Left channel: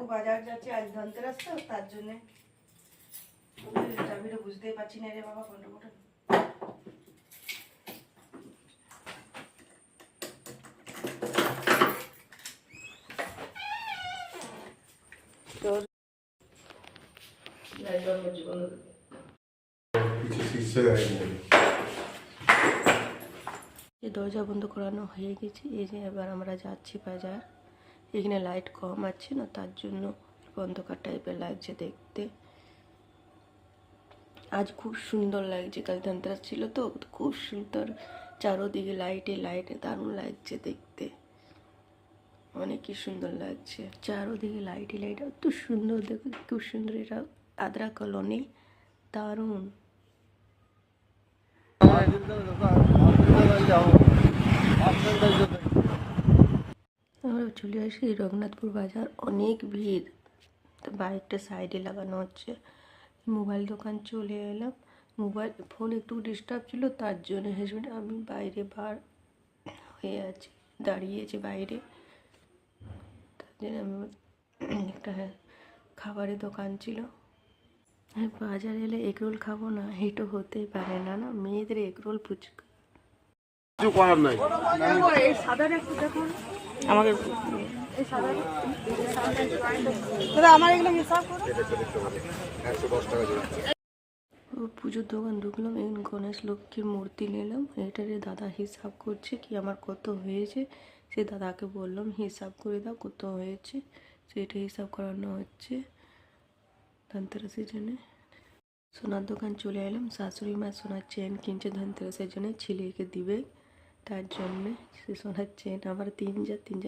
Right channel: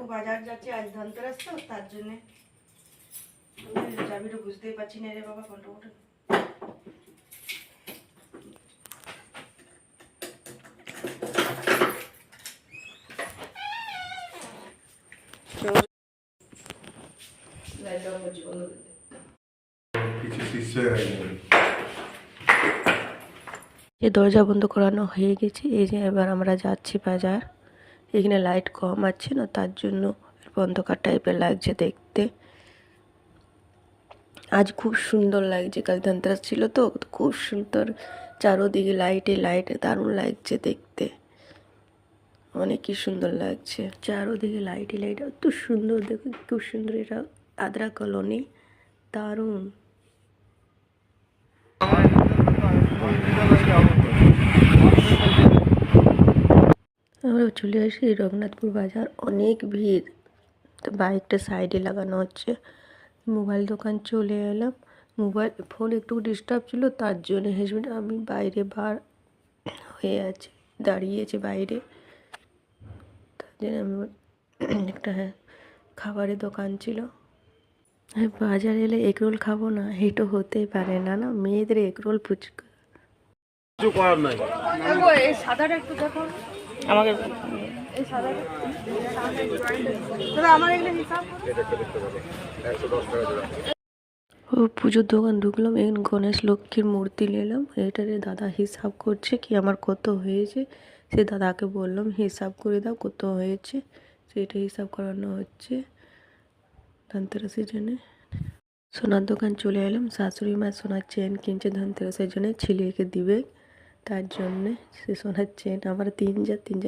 কাকু বাজার যাচ্ছে, আজ ধনতেরাস তো তার জন্যে। চাবিটা বুঝতেই পারছি না রে বাবা, কোনটা কোনটা। দরজা বন্ধ করানো হয়ে গেছে। এই যে এবার আমরা যাচ্ছি বাজার। এখানে লাইট কম আছে না, তার জন্য অন্ধকার টাইপের লাগছে দেখতে। আজ খুব সুন্দর লাগছে, কাল ধনতেরাস ছিল তো খুব সুন্দর, চারোদিকে লাইটে লাইটে দারুণ লাগছে দেখতে, অনেকই সুন্দর লাগছে। চারোদিকে লাইটে লাইট এত সুন্দর, দেখো খুব সুন্দর। এটা আদ্রা কলোনি, দারুণ। আমরা চলে আসি রঘুনাথপুর বাজার, অনেক ভিড়। তো বাইকটা সাইডে লাগানো হচ্ছে। মোবাইল দোকান চলে এলাম। মোবাইল ফোন একটু ডিস্টার্ব ছিল, তার জন্য হাজব্যান্ড আমি বাইরে বার হয়ে আছি, দাঁড়িয়েছে বাইরে। তার জন্য আমি একটা খাবারের দোকান ছিল। হ্যাঁ, বাজারে এলে এগরোল খাবো না, এটা হতেই পারে না। না, মেয়েদের এগরোল ফুচকা কিছু করার নাই। আমাকে ও পুজোর দোকান ঢুকলাম, এখন গণেশ লক্ষ্মীর মূর্তি নিলাম। এটারে দাদা হিসাব করছে কি আমার কত হয়েছে। সে দাদাকে বললাম হিসাব করে দাও কত হয়েছে, সেটা হিসাব করানো হচ্ছে ধনতেরাসের জন্যে। সোনার দোকান চলে এলাম, শাশুড়ি মা সোনার চেন কিনছে ধনতেরাসের জন্য, ছেলেকে দিবে, তার জন্যে সে সোনার চেন। আমার তিন